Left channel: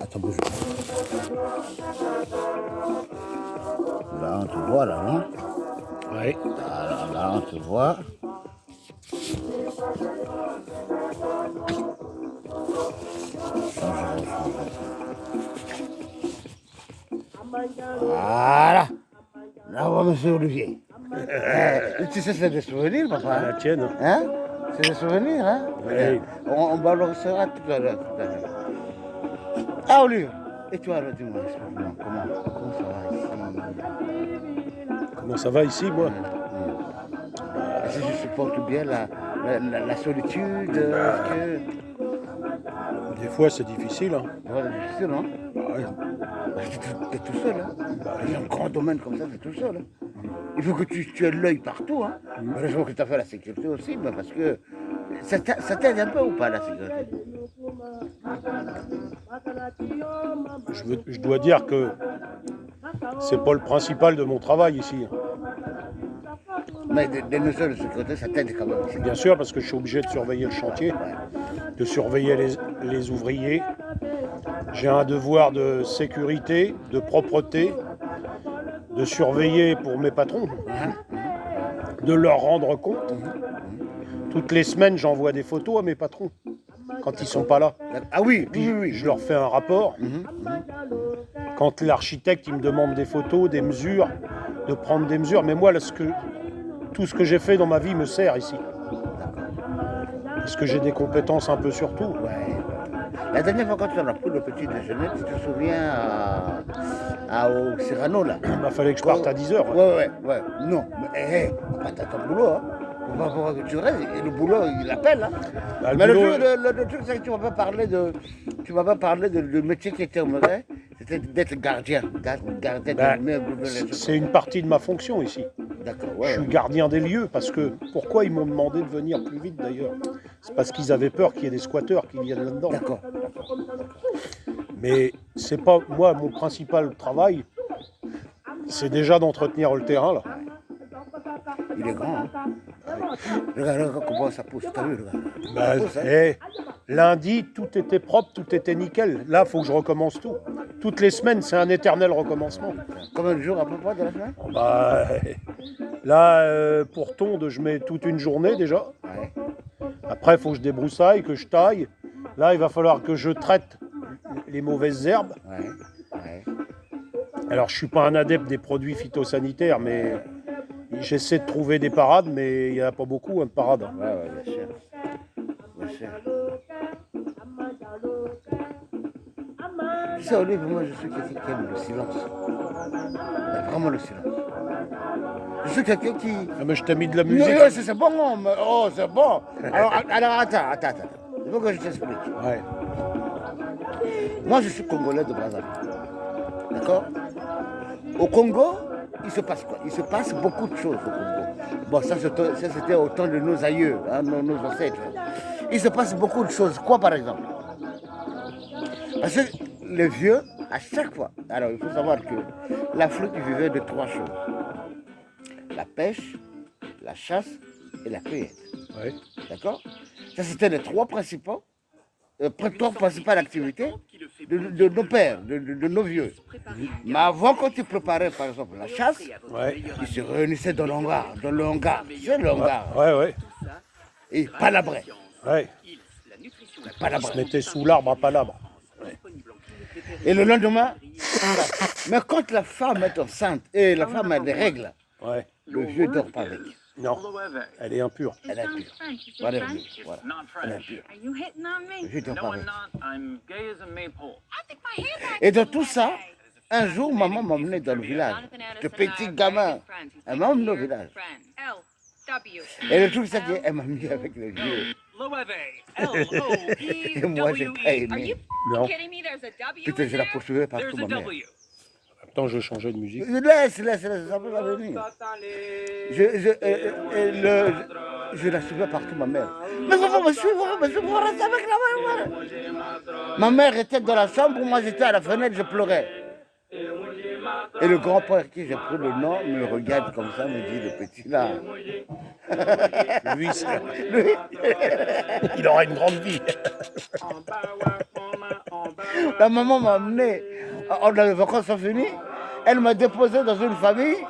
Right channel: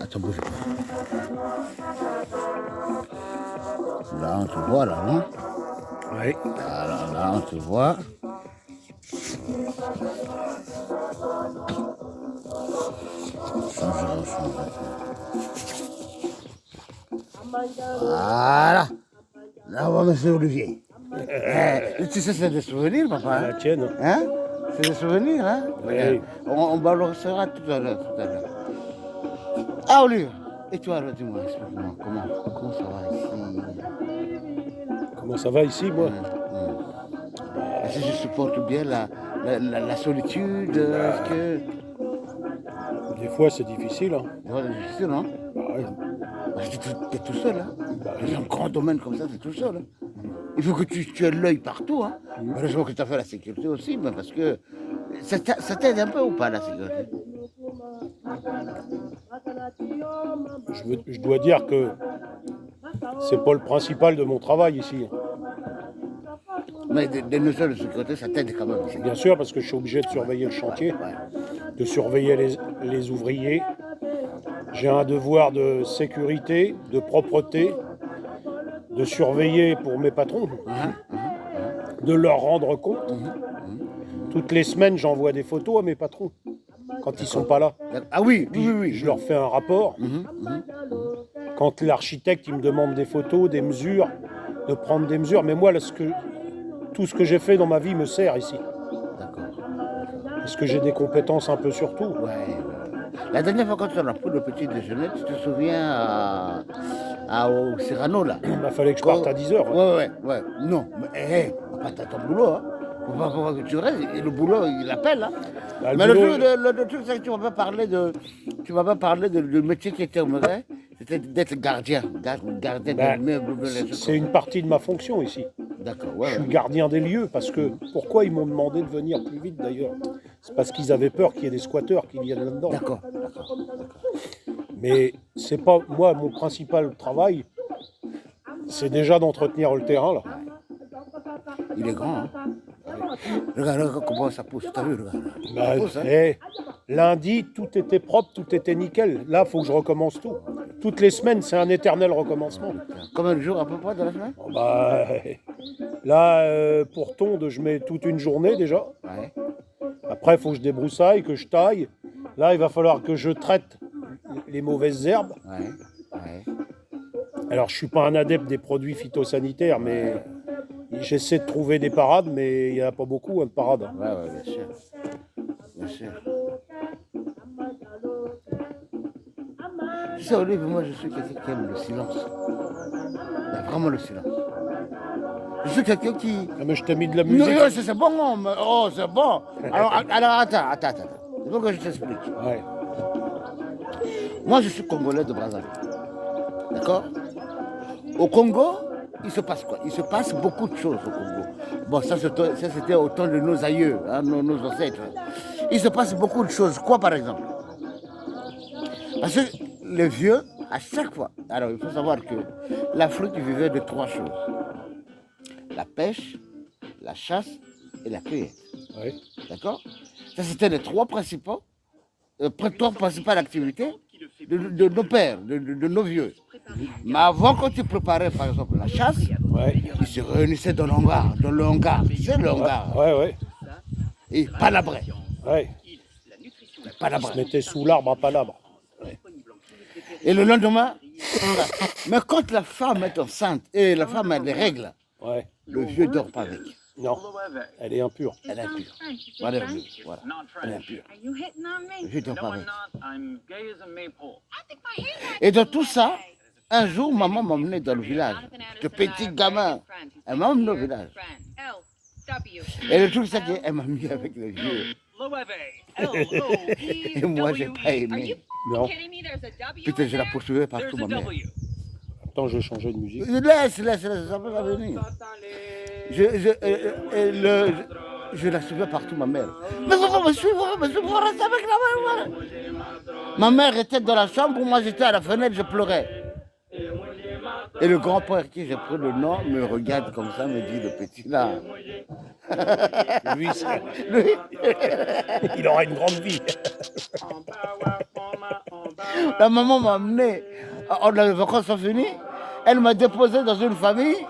Attends, bouge pas. Là, on te voit, là, non? Ouais. Alors, là, on te voit. Voilà. Là, on voit monsieur Olivier. Tu sais, c'est des souvenirs, papa. La tienne. Hein? C'est des souvenirs, hein? Oui. On balancera tout à l'heure. Ah, Olivier. Et toi, alors, dis-moi, explique-moi, comment ça va ici? Comment ça va ici, moi? Est-ce que je supporte bien la solitude? Est-ce que... Des fois, c'est difficile. Hein. Ouais, c'est difficile, hein? Bah, ouais. T'es tout seul, hein? Bah, Dans un grand domaine comme ça, t'es tout seul, hein? Il faut que tu aies l'œil partout, hein? Heureusement que tu as fait la sécurité aussi, mais parce que ça t'aide un peu ou pas, la sécurité? je dois dire que c'est pas le principal de mon travail ici. Mais des mesures de sécurité, ça t'aide quand même. Bien sûr, parce que je suis obligé de surveiller le chantier, de surveiller les ouvriers. J'ai un devoir de sécurité, de propreté, de surveiller pour mes patrons, de leur rendre compte. Toutes les semaines, j'envoie des photos à mes patrons quand ils sont pas là. Ah oui, Puis oui. je leur fais un rapport. Quand l'architecte il me demande des photos, des mesures, de prendre des mesures. Mais moi, tout ce que j'ai fait dans ma vie me sert ici. Parce que j'ai des compétences un peu sur tout. Ouais. La dernière fois quand on a pris le petit déjeuner, tu te souviens au Cyrano là? Il fallait que je parte à 10h. Ouais. Non, mais t'as ton boulot, hein. Faut pas que tu restes. Et le boulot, il appelle, hein. Bah, mais le truc, c'est que tu m'as pas parlé du métier qui était au musée. C'était d'être gardien bah, de c'est une partie de ma fonction ici. D'accord, Je suis gardien des lieux parce que pourquoi ils m'ont demandé de venir plus vite d'ailleurs? C'est parce qu'ils avaient peur qu'il y ait des squatteurs qui viennent là-dedans. D'accord. Mais c'est pas moi mon principal travail, c'est déjà d'entretenir le terrain là. Il est grand, hein. Regarde comment ça pousse, t'as vu, regarde. Lundi, tout était propre, tout était nickel. Là, il faut que je recommence tout. Toutes les semaines, c'est un éternel recommencement. Combien de jours à peu près de la semaine? Là, pour tonde, je mets toute une journée déjà. Ouais. Après, il faut que je débroussaille, que je taille. Là, il va falloir que je traite les mauvaises herbes. Ouais. Alors, je ne suis pas un adepte des produits phytosanitaires, mais j'essaie de trouver des parades, mais il n'y en a pas beaucoup, de parades. Ouais, bien sûr. Tu sais, Olive, moi, je suis quelqu'un qui aime le silence. Vraiment le silence. Je suis quelqu'un qui... Ah, mais je t'ai mis de la musique. Non, c'est bon, c'est bon. Alors, attends. Il faut que je t'explique. Ouais. Moi, je suis congolais de Brazzaville. D'accord? Au Congo, il se passe quoi? Il se passe beaucoup de choses au Congo. Bon, ça c'était au temps de nos aïeux, hein, nos ancêtres. Il se passe beaucoup de choses. Quoi, par exemple? Parce que les vieux, à chaque fois... Alors, il faut savoir que l'Afrique vivait de trois choses. La pêche, la chasse et la cueillette. Ouais. D'accord? Ça, c'était les trois principales activités de nos pères, de nos vieux. Mais avant, quand tu préparais, par exemple, la chasse, ils se réunissaient dans le hangar. Tu sais, le hangar. Ouais. Et palabraient. Ouais. Ils se mettaient sous l'arbre à palabre. Ouais. Et le lendemain, mais quand la femme est enceinte et la femme a des règles, le vieux ne dort pas avec. Non, elle est impure. Elle est impure. Voilà. Elle est impure. Le vieux ne dort pas avec. Et dans tout ça, un jour, maman m'a emmené dans le village. De petit gamin. Elle m'a emmené au village. Et le truc, c'est qu'elle m'a mis avec le vieux. Et moi, j'ai pas aimé. Non. Putain, je la poursuivais partout, ma mère. Attends, je vais changer de musique. Laisse, ça va venir. Je la suivais partout, ma mère. Mais vous me suivre, reste avec la mère. Ma mère était dans la chambre, moi j'étais à la fenêtre, je pleurais. Et le grand-père qui j'ai pris le nom me regarde comme ça, me dit, le petit là. Lui, Lui, il aura une grande vie. la maman m'a amené, les vacances sont finies, elle m'a déposé dans une famille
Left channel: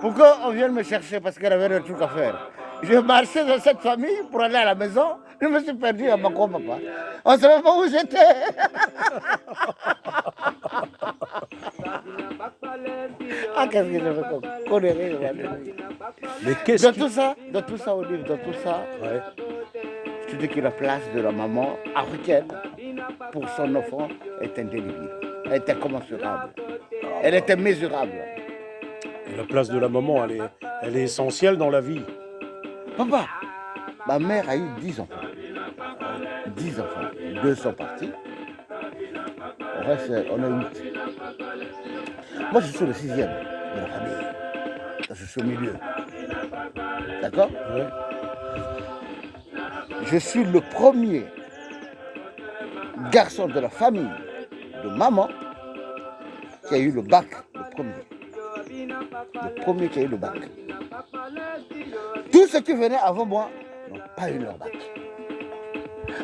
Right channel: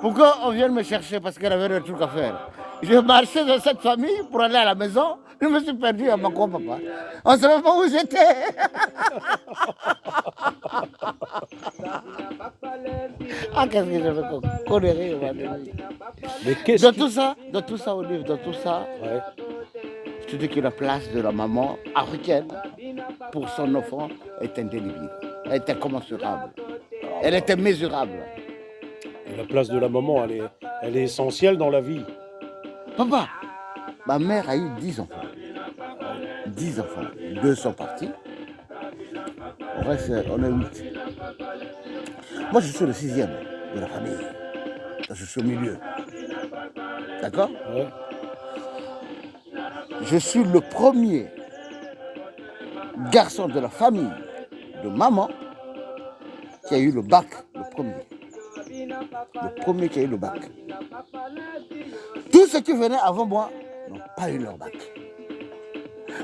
pour qu'on vienne me chercher parce qu'elle avait des trucs à faire. J'ai marché dans cette famille pour aller à la maison, je me suis perdu à ma papa. On ne savait pas où j'étais. Ah, qu'est-ce que j'avais comme connerie, Mais qu'est-ce dans qui... tout ça, Olive, dans tout ça, Ouais. je te dis que la place de la maman africaine pour son enfant est indélébile. Elle est incommensurable. Elle est immesurable. Et la place de la maman, elle est essentielle dans la vie. Papa, ma mère a eu 10 enfants. 10 enfants. 2 sont partis. On reste, on est 8. Moi, je suis le 6e de la famille. Je suis au milieu. D'accord? Ouais. Je suis le premier garçon de la famille de maman qui a eu le bac, le premier. Le premier qui a eu le bac. Tous ceux qui venaient avant moi n'ont pas eu leur bac.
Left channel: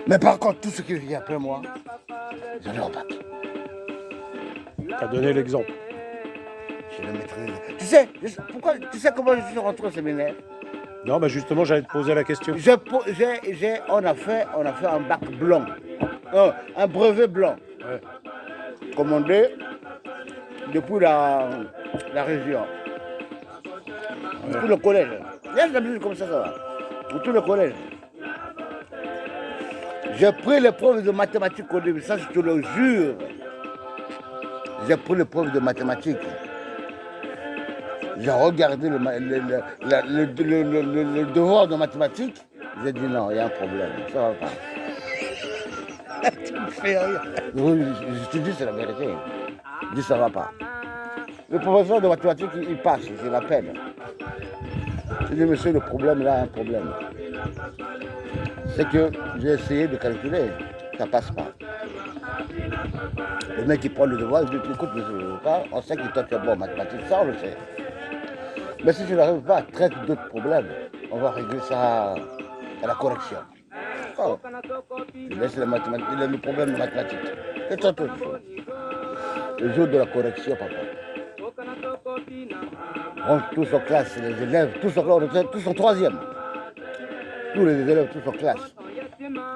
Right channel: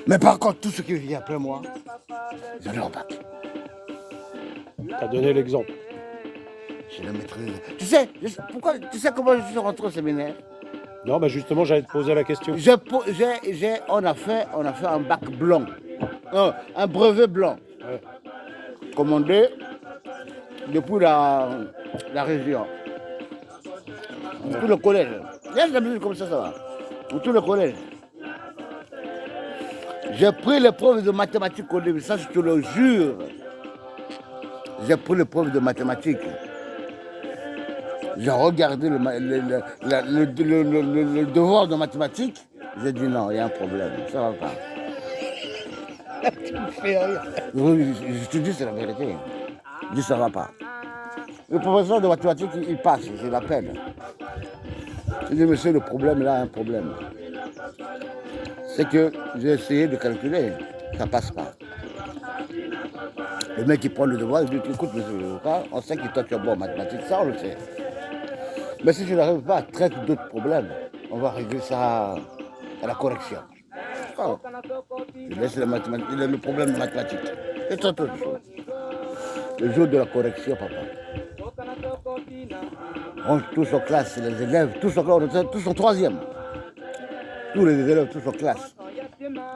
Mais par contre, tous ceux qui viennent après moi, ils ont leur bac. Tu as donné l'exemple. Je le maîtrise. Tu sais comment je suis rentré au séminaire? Non, bah justement, j'allais te poser la question. On a fait un bac blanc, un brevet blanc, Ouais. commandé depuis la région. Tout le collège. Il y a des comme ça va. Tout le collège. J'ai pris l'épreuve de mathématiques au début, ça je te le jure. J'ai pris l'épreuve de mathématiques. J'ai regardé le devoir de mathématiques. J'ai dit non, il y a un problème, ça va pas. Tu me fais rire. Oui, je te dis, c'est la vérité. Je dis, ça va pas. Le professeur de mathématiques, il passe, je l'appelle. Je dis, monsieur, le problème, là, un problème. C'est que j'ai essayé de calculer, ça passe pas. Le mec, il prend le devoir, il dit, écoute, monsieur, on sait que toi, tu es bon en mathématiques, ça, on le sait. Mais si tu n'arrives pas à traiter d'autres problèmes, on va régler ça à la correction. Oh. Il laisse les mathématiques, il a le problème de mathématiques. Et toi, autre chose. Le jour de la correction, papa. On tous en classe, les élèves, tous en troisième. Tous les élèves, tous en classe.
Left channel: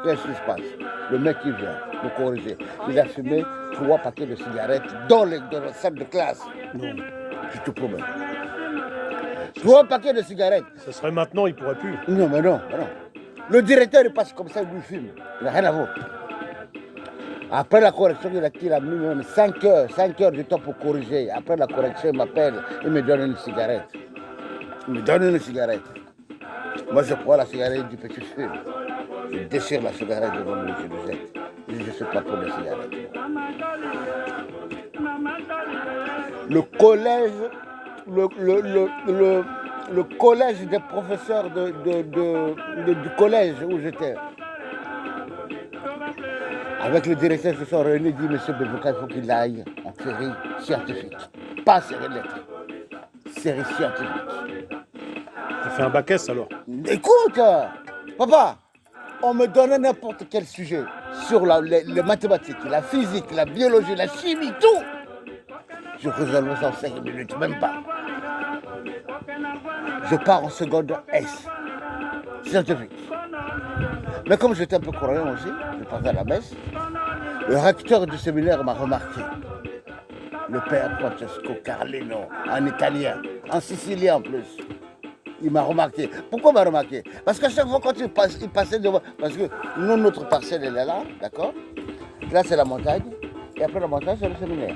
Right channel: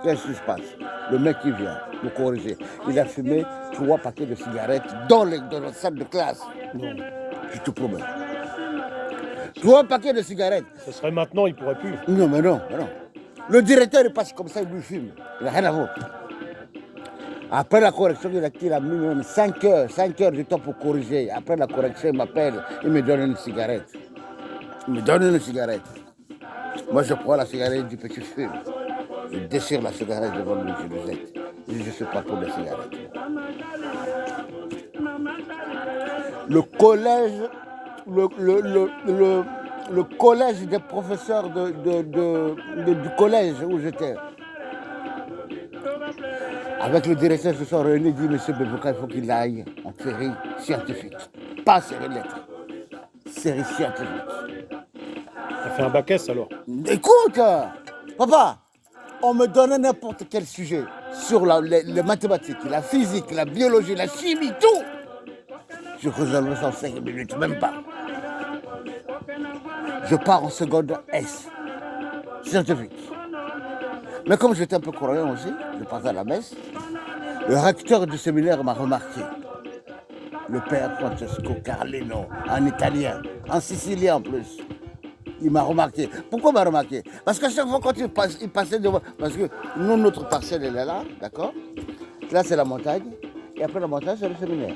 Qu'est-ce qui se passe? Le mec qui vient me corriger, il a fumé 3 paquets de cigarettes dans la salle de classe. Non, je te promets. 3 paquets de cigarettes. Ce serait maintenant, il pourrait plus. Non, mais non. Le directeur, il passe comme ça, il lui fume. Il n'a rien à voir. Après la correction, il a mis même 5 heures de temps pour corriger. Après la correction, il m'appelle, il me donne une cigarette. Moi, je prends la cigarette du petit fume. Je déchire la cigarette devant lui, je lui jette. Je dis, je ne suis pas pour la cigarette. Le collège, le collège des professeurs du collège où j'étais, avec le directeur, ils se sont réunis, dit, monsieur Bebouka, il faut qu'il aille en série scientifique. Pas série lettres, série scientifique. Ça fait un bac S alors. Écoute, papa, on me donnait n'importe quel sujet sur les mathématiques, la physique, la biologie, la chimie, tout. Je résolvais ça en 5 minutes, même pas. Je pars en seconde S, scientifique. Mais comme j'étais un peu croyant aussi, je partais à la messe, le recteur du séminaire m'a remarqué. Le père Francesco Carlino, en italien, en sicilien en plus. Il m'a remarqué. Pourquoi il m'a remarqué? Parce qu'à chaque fois quand il passait devant... Parce que nous, notre parcelle, elle est là, d'accord? Là, c'est la montagne. Et après la montagne, c'est le séminaire.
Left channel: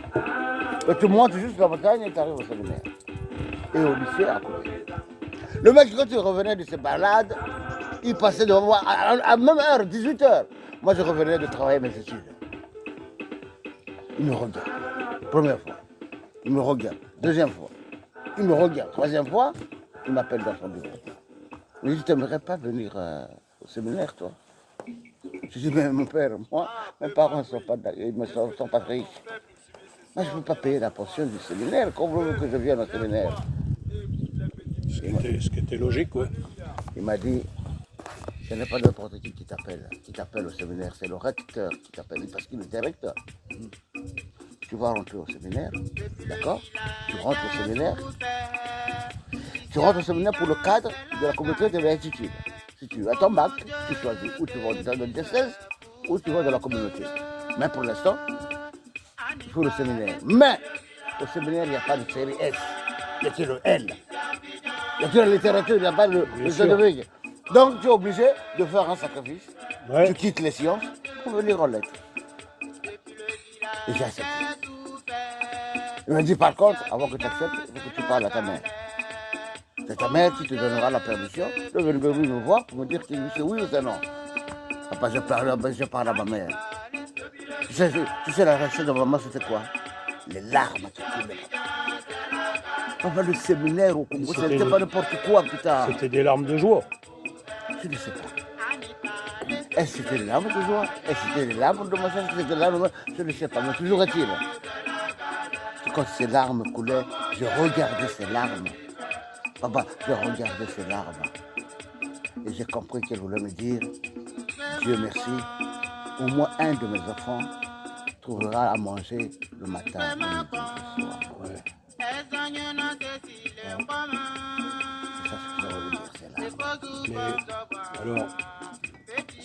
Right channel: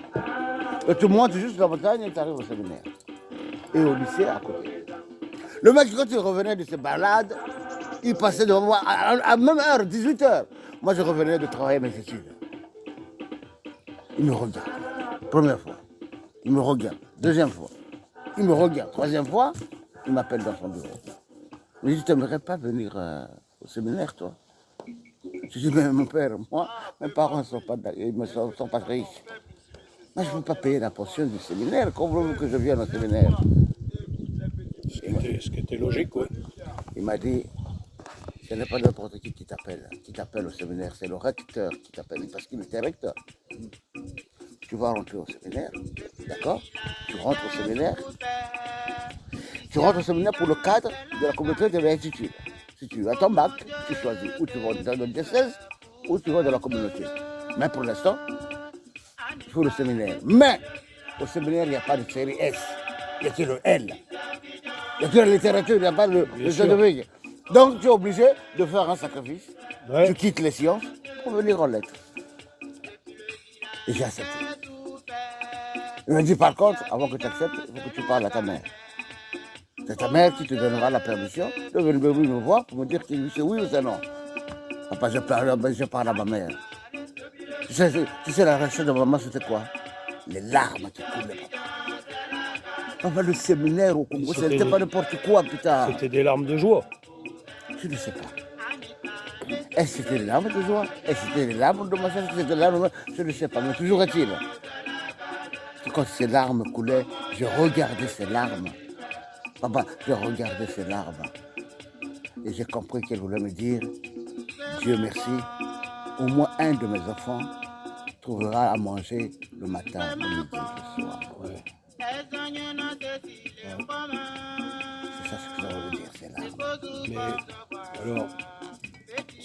Et tu montes juste la montagne et tu arrives au séminaire. Et au lycée, à côté. Le mec, quand il revenait de ses balades, il passait devant moi à même heure, 18h. Moi, je revenais de travailler mes études. Il me regarde. Première fois. Il me regarde. Deuxième fois. Il me regarde. Troisième fois, il m'appelle dans son bureau. Il me dit, tu n'aimerais pas venir au séminaire, toi? Je dis, mais mon père, moi, mes parents ne sont pas riches. Moi, je ne peux pas payer la pension du séminaire. Comment voulez-vous que je vienne au séminaire? Ce qui était logique, ouais. Il m'a dit, ce n'est pas n'importe qui t'appelle au séminaire, c'est le recteur qui t'appelle, parce qu'il était recteur. Tu vas rentrer au séminaire, d'accord? Tu rentres au séminaire. Tu rentres au séminaire pour le cadre de la communauté de l'institut. Si tu as ton bac, tu choisis où tu vas dans le diocèse ou tu vas dans la communauté. Mais pour l'instant, il faut le séminaire. Mais au séminaire, il n'y a pas de série S, il n'y a que le L. Il n'y a que la littérature, il n'y a pas le générique. Donc tu es obligé de faire un sacrifice. Ouais. Tu quittes les sciences pour venir en lettres. Et j'ai accepté. Il m'a dit par contre, avant que tu acceptes, il faut que tu parles à ta mère. C'est ta mère qui te donnera la permission de venir me voir pour me dire que c'est oui ou c'est non. Papa, je parle à ma mère. Tu sais, la réaction de maman, c'était quoi? Les larmes qui coulaient. Papa, le séminaire au Congo, c'était pas n'importe quoi, putain. C'était des larmes de joie. Je ne sais pas. Est-ce que c'était des larmes de joie? Est-ce que c'était des larmes de machin? C'était des larmes de... Je ne sais pas, mais toujours est-il. Quand ces larmes coulaient, je regardais ces larmes. Papa, je regardais ces larmes. Et j'ai compris qu'elle voulait me dire, Dieu merci, au moins un de mes enfants trouvera à manger le matin, le midi, le soir. Ouais. C'est ça ce que je veux dire, ces larmes. Mais alors,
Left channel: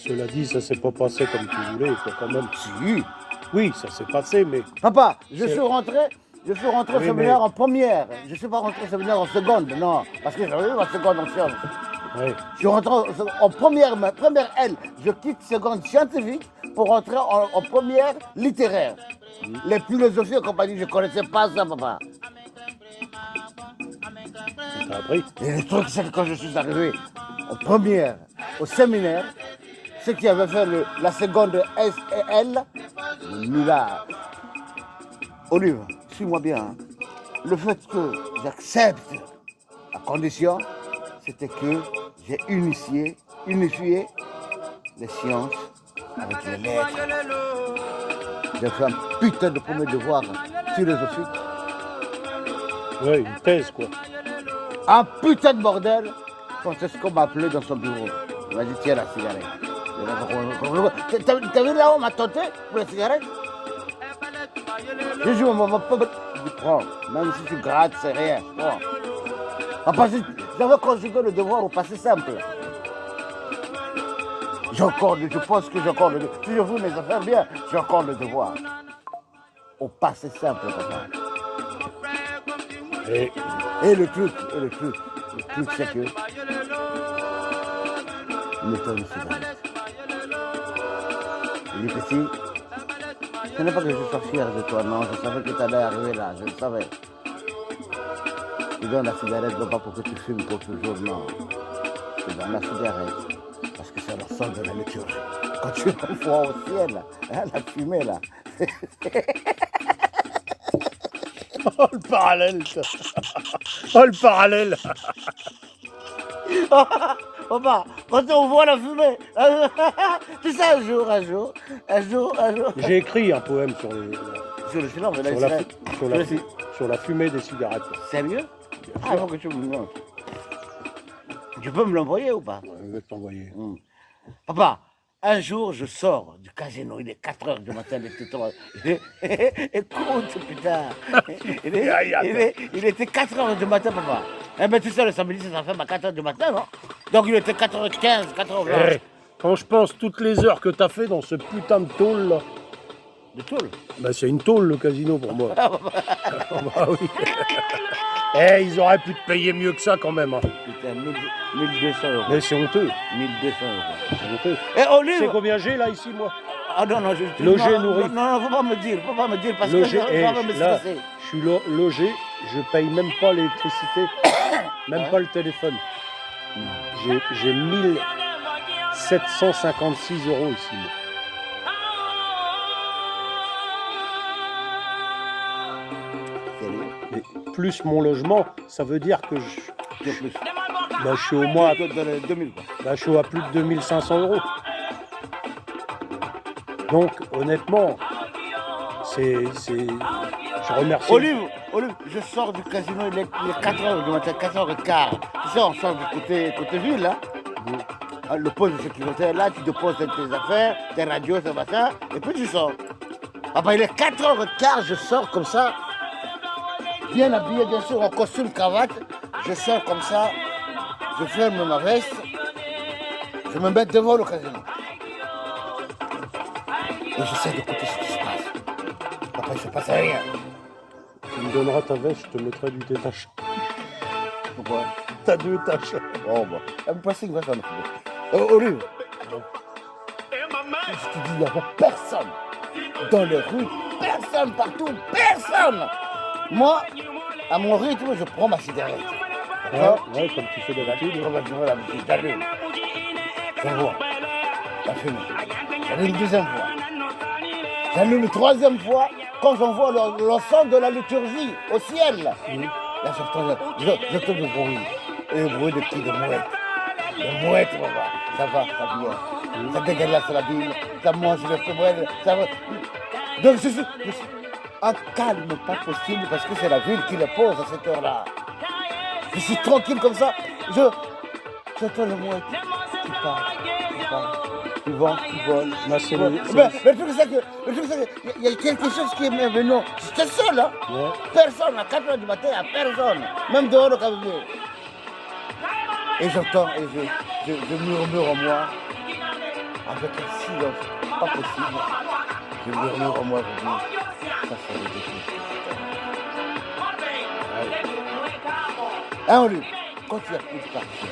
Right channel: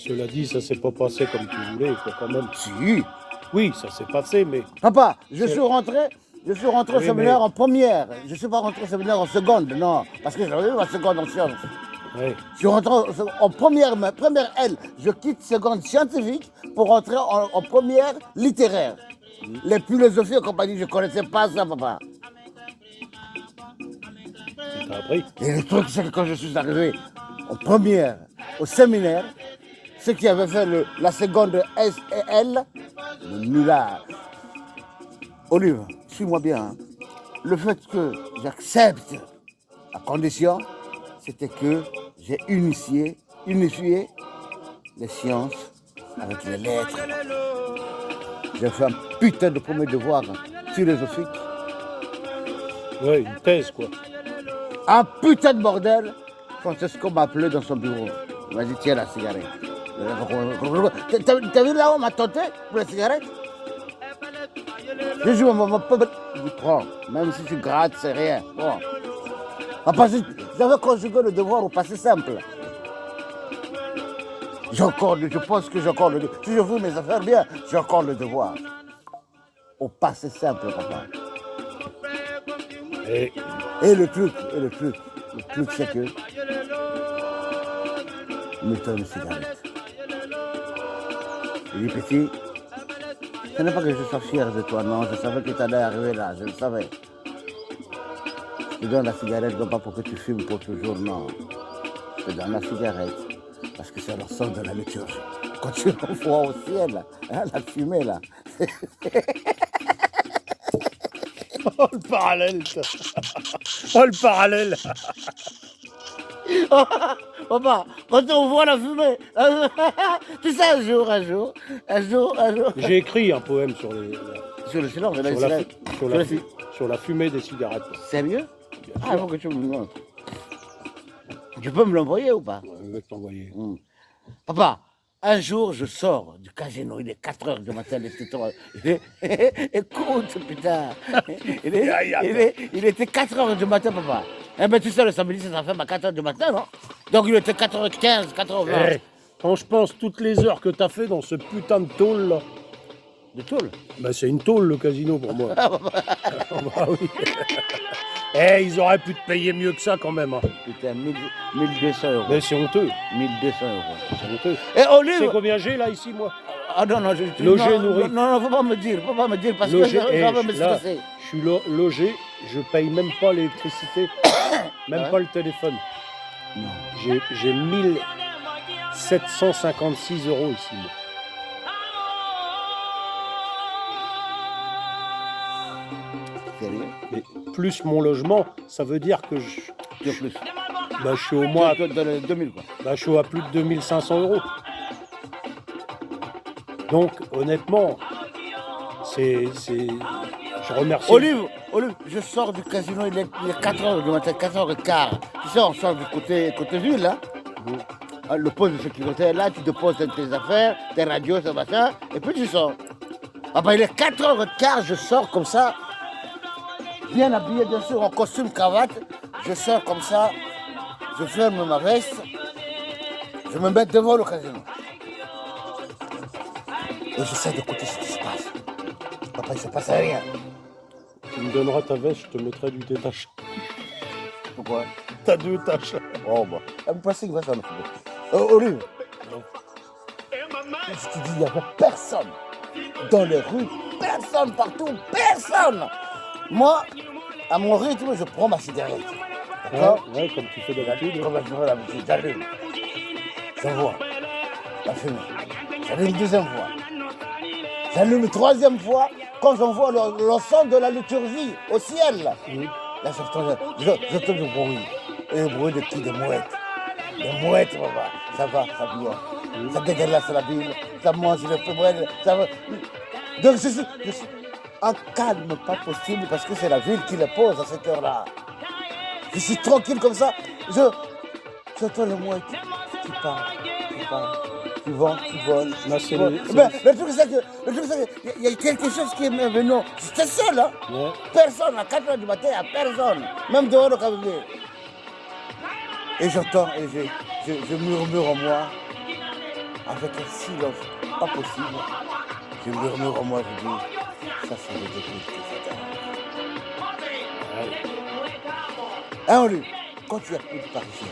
cela dit, ça s'est pas passé comme tu voulais, quoi, quand même. Si. Oui, ça s'est passé, mais Papa, je suis rentré au Oui, séminaire mais- en première. Je ne suis pas rentré au séminaire en seconde, non. Parce que j'avais eu ma seconde en sciences. ouais. Je suis rentré en première, ma première L. Je quitte seconde scientifique pour rentrer en première littéraire. Les philosophies et compagnie, je ne connaissais pas ça, papa. Ça t'a appris. Et le truc, c'est que quand je suis arrivé en première, au séminaire, ceux qui avaient fait la seconde S et L, là, Olive, suis-moi bien. Hein. Le fait que j'accepte la condition, c'était que j'ai unifié les sciences avec les lettres. J'ai fait un putain de premier devoir philosophique. Ouais, une thèse, quoi. Un putain de bordel. Francesco m'a appelé dans son bureau. Il m'a dit, tiens la cigarette. T'as vu là où on m'a tenté pour la cigarette? J'ai dit, maman, il dit, prends. Même si tu grattes, c'est rien. Prends. Papa, j'avais conjugué le devoir au passé simple. Je pense que j'ai encore le devoir. Si je veux mes affaires bien, j'ai encore le devoir. Au passé simple, papa. Et Le truc, c'est que il me donne une cigarette. Il dit, petit, ce n'est pas que je sois fier de toi, non, je savais que tu allais arriver là, je le savais. Je te donne la cigarette, non pas pour que tu fumes pour toujours, non. Je te donne la cigarette, parce que c'est la seule de la liturgie. Quand tu envoies au ciel, hein, la fumée là. oh, le parallèle, ça. Oh, le parallèle. Papa, quand on voit la fumée, tu sais, un jour. J'ai écrit un poème sur les, Sur le silence, sur la, sur la fumée des cigarettes. Sérieux? Bien Ah, sûr. il faut que tu me le montres. Tu peux me l'envoyer ou pas? Je vais t'envoyer. Papa, un jour, je sors du casino, il est 4h du matin, les tétons. Écoute, putain. Il était 4h du matin, papa. Eh ben, tu sais, le samedi, ça fait à 4h du matin, non? Donc, il était 4h15, 4h20. Eh, quand je pense toutes les heures que t'as fait dans ce putain de tôle là, De tôle. bah c'est une tôle le casino pour moi. Ah bah oui. Eh, ils auraient pu te payer mieux que ça quand même. Hein. Putain, 1200 euros. Mais c'est honteux. 1200 euros. C'est honteux. Et Tu sais Olive! combien j'ai là ici moi? Ah non, non, Logé, non, nourri. Non, faut pas me dire, parce Logé, que ça va me là, stresser. je suis logé, je paye même pas l'électricité, même Ouais. pas le téléphone. J'ai 1756 euros ici moi. Sérieux? Mais plus mon logement, ça veut dire que Que plus. je suis au moins Que dans les 2000, quoi. je suis à plus de 2500 euros. Donc, honnêtement, je remercie. Olive, je sors du casino, il est 4h du matin, 4h15. Tu sais, on sort du côté ville, là. Le poste de sécurité est là, tu déposes tes affaires, tes radios, tes machins, et puis tu sors. Après, il est 4h15, je sors comme ça, bien habillé, bien sûr, en costume, cravate. Je sors comme ça, je ferme ma veste, je me mets devant le casino. Et j'essaie d'écouter ce qui se passe. Papa, il ne se passe rien. Tu me donneras ta veste, je te mettrai du détachant. Pourquoi? T'as 2 tâches. Oh, bah. Vous pensez qu'il va s'en occuper? Olive, je te dis, il n'y avait personne. Dans les rues, personne partout, personne. Moi, à mon rythme, je prends ma cigarette. D'accord? Ouais, comme tu fais d'habitude. Comme je fais d'habitude, j'allume. J'envoie la fumée. J'allume une deuxième fois. J'allume une troisième fois quand j'envoie l'ensemble de la liturgie au ciel. Là, j'entends du bruit. Et le bruit de qui? De mouettes. Les mouettes, papa. Ça va, ça vient. Ça dégueulasse la ville. Ça mange les femelles. Ça va. Donc je suis en calme, pas possible, parce que c'est la ville qui les pose à cette heure-là. Je suis tranquille comme ça. J'entends les mouettes qui partent, qui vont, qui volent. Là, Mais le truc, c'est qu'il y a quelque chose qui est merveilleux. J'étais seul, hein. Ouais. Personne, à 4h du matin, il n'y a personne. Même dehors le cabinet. Et j'entends, et je murmure en moi, avec un silence pas possible. Je murmure en moi, je dis, ça c'est le début de cette année. Hein, Olive, quand tu n'as plus de Parisiens,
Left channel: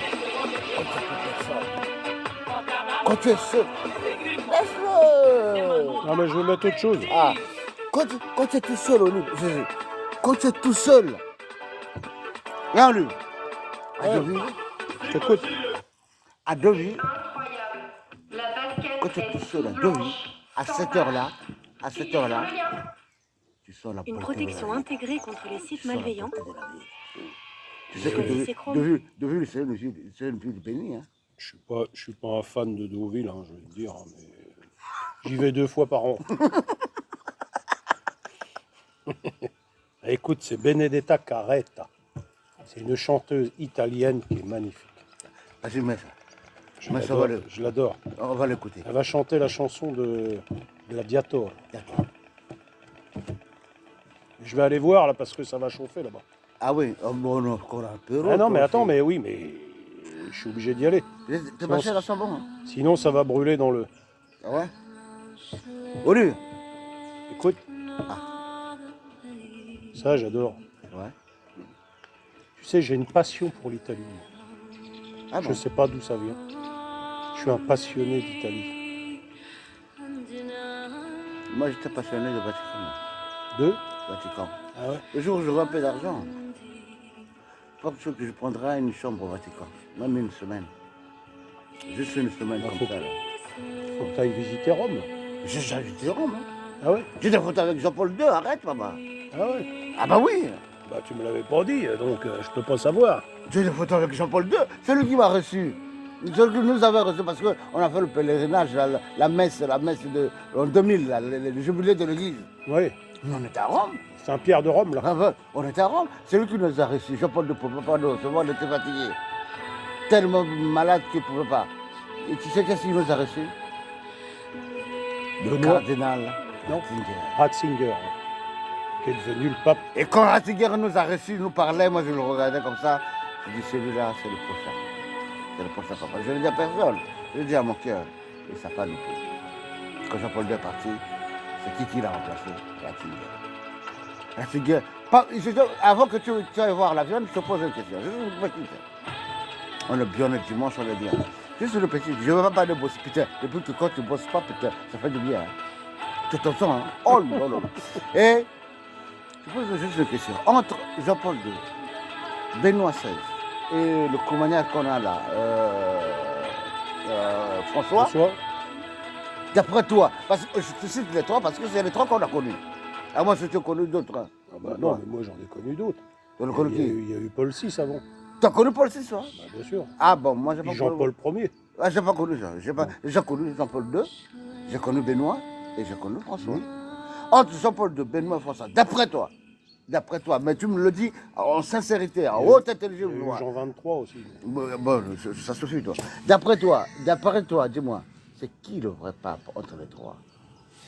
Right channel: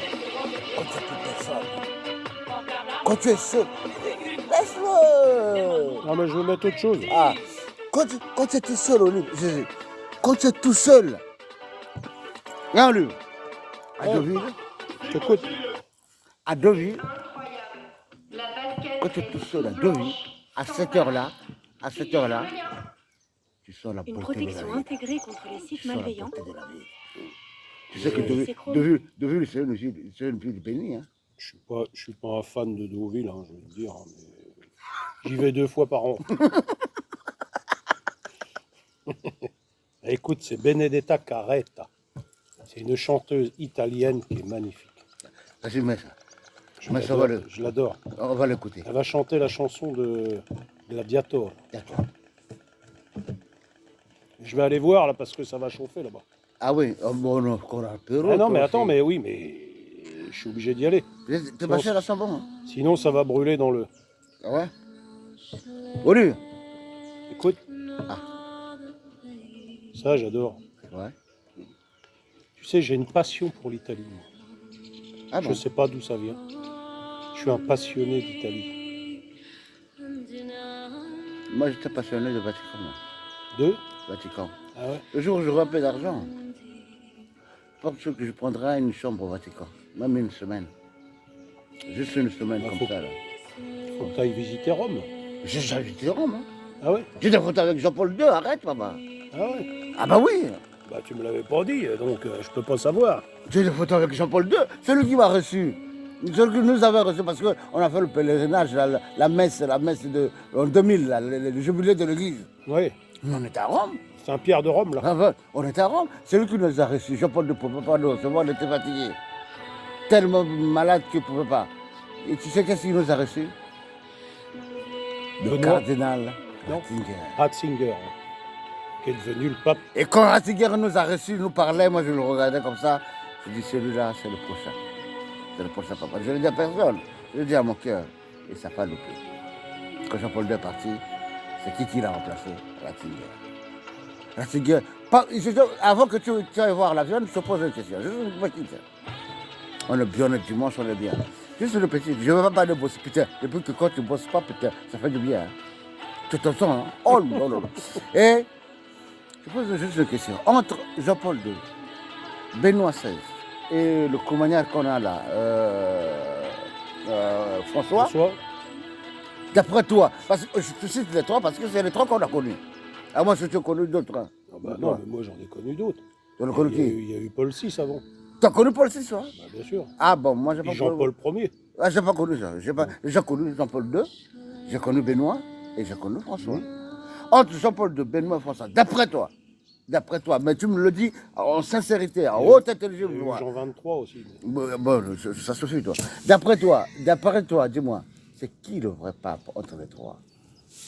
quand tu n'as plus de personne, quand tu es seul, laisse-le. Ah, mais je vais mettre autre chose. Ah, quand tu es tout seul, Olive, quand tu es tout seul, hein, Olive, à Deauville, Écoute, à Deauville, quand tu es tout seul à Deauville, à cette heure-là, tu sens la Une beauté protection de la vie. intégrée contre les sites Tu sens la malveillants. beauté de la vie. Tu sais que Oui. Deauville, c'est une ville bénie. Hein. je suis pas un fan de Deauville, hein, je vais te dire, hein, mais j'y vais 2 fois par an. Écoute, c'est Benedetta Carretta. C'est une chanteuse italienne qui est magnifique. Vas-y, mets ça. Je l'adore. On va l'écouter. Elle va chanter la chanson de Gladiator. D'accord. Je vais aller voir là parce que ça va chauffer là-bas. Ah oui, oh, bon, non, qu'on a un peu. Ah non, mais attends, mais oui, mais je suis obligé d'y aller. T'es passé à la Chambon, hein? Sinon, ça va brûler dans le. Ah ouais? Olive. Écoute. Ah. Ça, j'adore. Ouais. Tu sais, j'ai une passion pour l'Italie. Ah Je bon? ne sais pas d'où ça vient. Je suis un passionné d'Italie. Moi, j'étais passionné de Vatican. Moi. De Vatican. Ah ouais. Le jour où j'aurai un peu d'argent, je pense que je prendrai une chambre au Vatican, même une semaine. Juste une semaine Ah, comme faut- ça. Là. Faut que tu ailles visiter Rome. J'ai visité Rome. Hein. Ah ouais. J'ai des photos avec Jean-Paul II, arrête, papa. Ah ouais. Ah bah oui, Bah, tu me l'avais pas dit, donc je peux pas savoir. j'ai des photos avec Jean-Paul II, celui qui m'a reçu. Celui qui nous avait reçu parce qu'on a fait le pèlerinage, la messe en 2000, là, le jubilé de l'église. Oui. Mais on était à Rome. Saint-Pierre de Rome, là. Enfin, on était à Rome. C'est lui qui nous a reçus. Jean-Paul II ne pouvait pas nous recevoir, on était fatigué. Tellement malade qu'il ne pouvait pas. Et tu sais qu'est-ce qu'il nous a reçus? Le Benoît. cardinal Non. Ratzinger. Ratzinger, hein, qui est devenu le pape. Et quand Ratzinger nous a reçus, nous parlait, moi je le regardais comme ça. Je dis celui-là, c'est le prochain. C'est le prochain papa. Je ne le dis à personne. Je le dis à mon cœur. Et ça n'a pas loupé. Quand Jean-Paul II est parti, c'est qui l'a remplacé? Ratzinger. Ratzinger. Avant que tu ailles voir l'avion, je te pose une question. Juste une petite. On est bien le dimanche, on est bien. Juste une petite. Je ne vais pas aller bosser. Putain, depuis que quand tu ne bosses pas, putain, ça fait du bien. Hein. Tu te sens, hein? Oh là là. Et je pose juste une question. Entre Jean-Paul II, Benoît XVI et le Coumaniac qu'on a là, François, Bonsoir. d'après toi, parce que je te cite les trois parce que c'est les trois qu'on a connus. Ah, moi, je t'ai connu d'autres. Hein. Ah bah non, mais moi j'en ai connu d'autres. Tu as Il connu y, a qui? eu, il y a eu Paul VI avant. Tu as connu Paul VI, hein? Bah, bien sûr. Ah bon, moi, j'ai pas Puis connu. Jean-Paul Ier. Ah, j'ai pas connu ça. J'ai connu Jean-Paul II, j'ai connu Benoît et j'ai connu François. Entre Jean-Paul II, Benoît et François, d'après toi, D'après toi, mais tu me le dis en sincérité, en haute intelligence. Il y a eu Jean 23 aussi. Bon, ça suffit, toi. D'après toi, dis-moi, c'est qui le vrai pape entre les trois?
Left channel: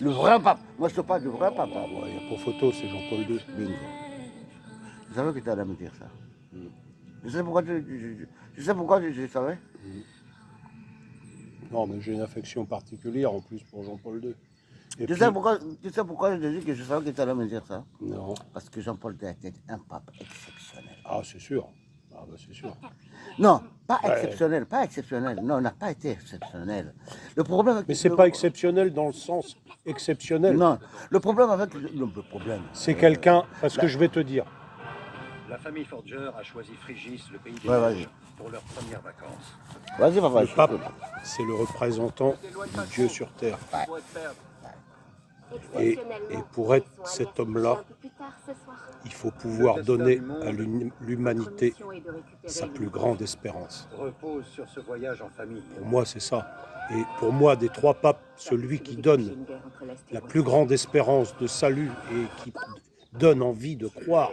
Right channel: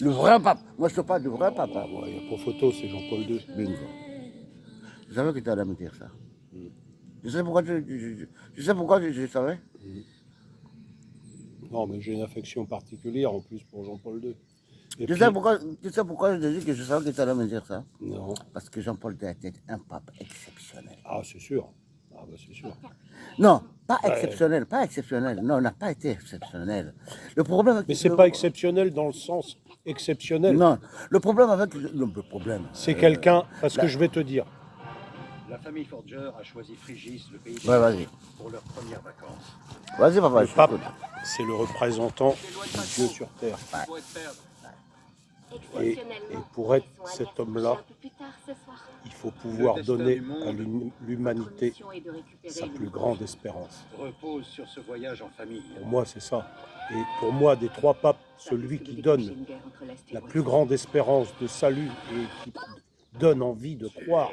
Le vrai pape. Moi, je te parle du vrai pape. Ah, ouais, il n'y a pas photo, c'est Jean-Paul II. Bingo. Je savais que tu allais me dire ça. Je sais pourquoi je sais pourquoi je savais. Non, mais j'ai une affection particulière en plus pour Jean-Paul II. Et Tu puis- sais pourquoi je te dis que je savais que tu allais me dire ça? Non. Parce que Jean-Paul II était un pape exceptionnel. Ah, c'est sûr. Ah, bah, c'est sûr. Non, pas Ouais. exceptionnel, pas exceptionnel. Non, on n'a pas été exceptionnel. Le problème avec Mais c'est pas exceptionnel dans le sens exceptionnel. Non, le problème avec le problème. C'est quelqu'un, parce que je vais te dire, La famille Forger a choisi Frigis, le pays des Ouais, vas-y. pour leurs premières vacances. Vas-y, papa. le je pape, t'écoute. c'est le représentant de Dieu sur terre. Et pour être cet homme-là, il faut pouvoir donner à l'humanité sa plus grande espérance. Repose sur ce voyage en famille. Pour moi, c'est ça. Et pour moi, des trois papes, celui qui donne la plus grande espérance de salut et qui donne envie de croire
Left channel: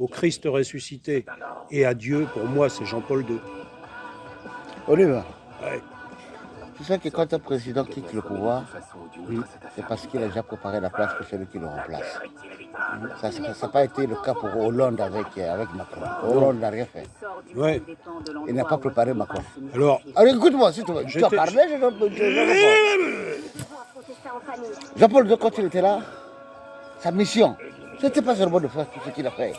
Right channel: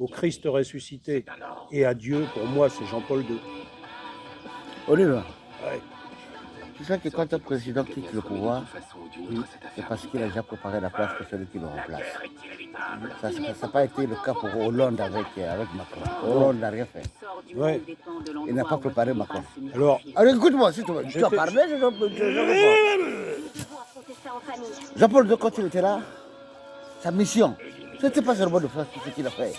au Christ ressuscité et à Dieu, pour moi, c'est Jean-Paul II. Olive, Ouais. tu sais que quand un président quitte le pouvoir, c'est parce qu'il a déjà préparé la place pour celui qui le remplace. Ça n'a pas été le cas pour Hollande avec Macron. Hollande n'a rien fait. Ouais. Il n'a pas préparé Macron. Alors, Alors écoute-moi, si tu veux. Tu as J'étais- parlé, je réponds. Jean-Paul II, quand il était là, sa mission, ce n'était pas seulement de faire tout ce qu'il a fait.